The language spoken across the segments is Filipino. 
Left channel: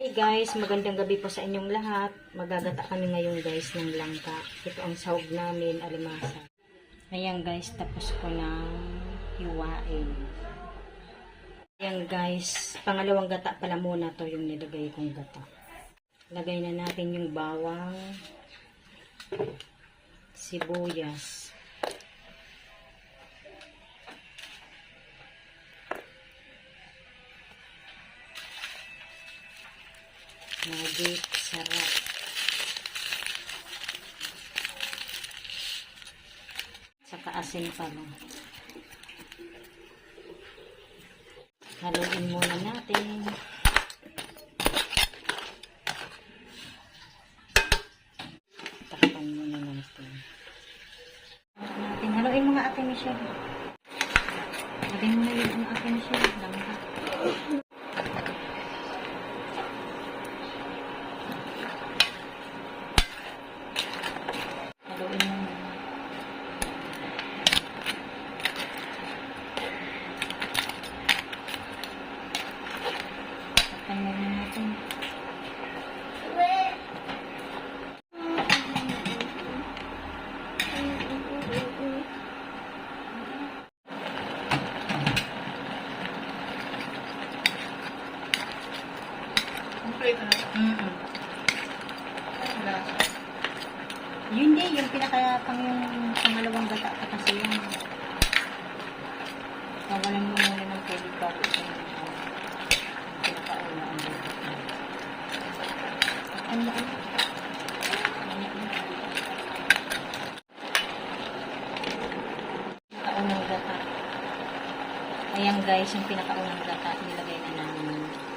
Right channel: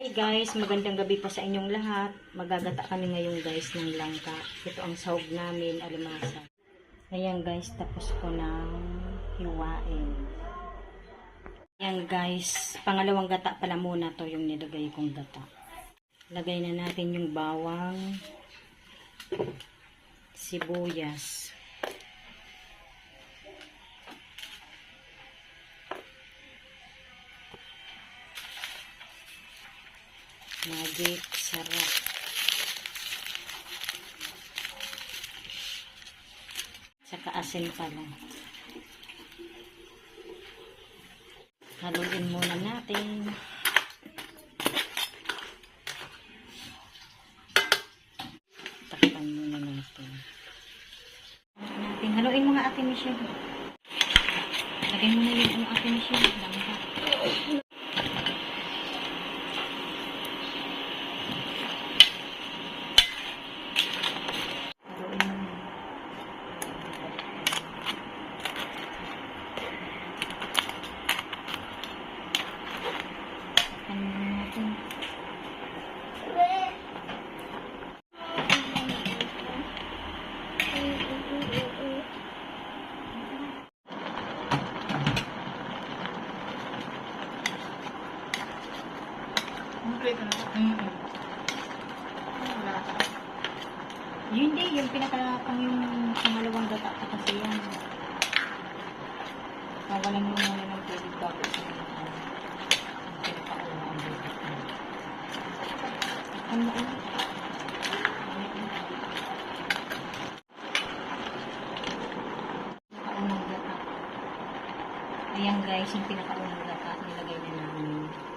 Hey guys, magandang gabi po sa inyong lahat. Magagata kami ngayon guys ng langka. Ito ang sahog namin, alimasa. Ayan guys, tapos ko na hiwain. Ayan guys, pangalawang gata pala muna to yung nilagay kong gata. Lagay na natin yung bawang, sibuyas, magic sarap. Saka asin pala. Haluin muna natin. Takpan muna natin. Haluin mo nga Ate Michelle. Lagay mo na yun Ate Michelle. Langka. Yun din, yung pangalawang gata pa kasi yan. Kawalan mo muna ng tubig bago siya. Ano? Pinakaunang gata. Ayan guys, yung pinakaunang gata nilagay na namin.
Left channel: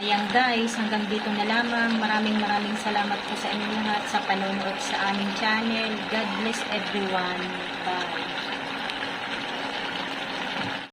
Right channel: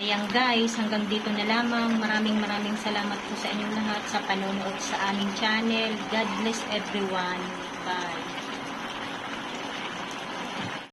Ayan guys, hanggang dito na lamang. Maraming salamat po sa inyong lahat sa panonood sa aming channel. God bless everyone. Bye.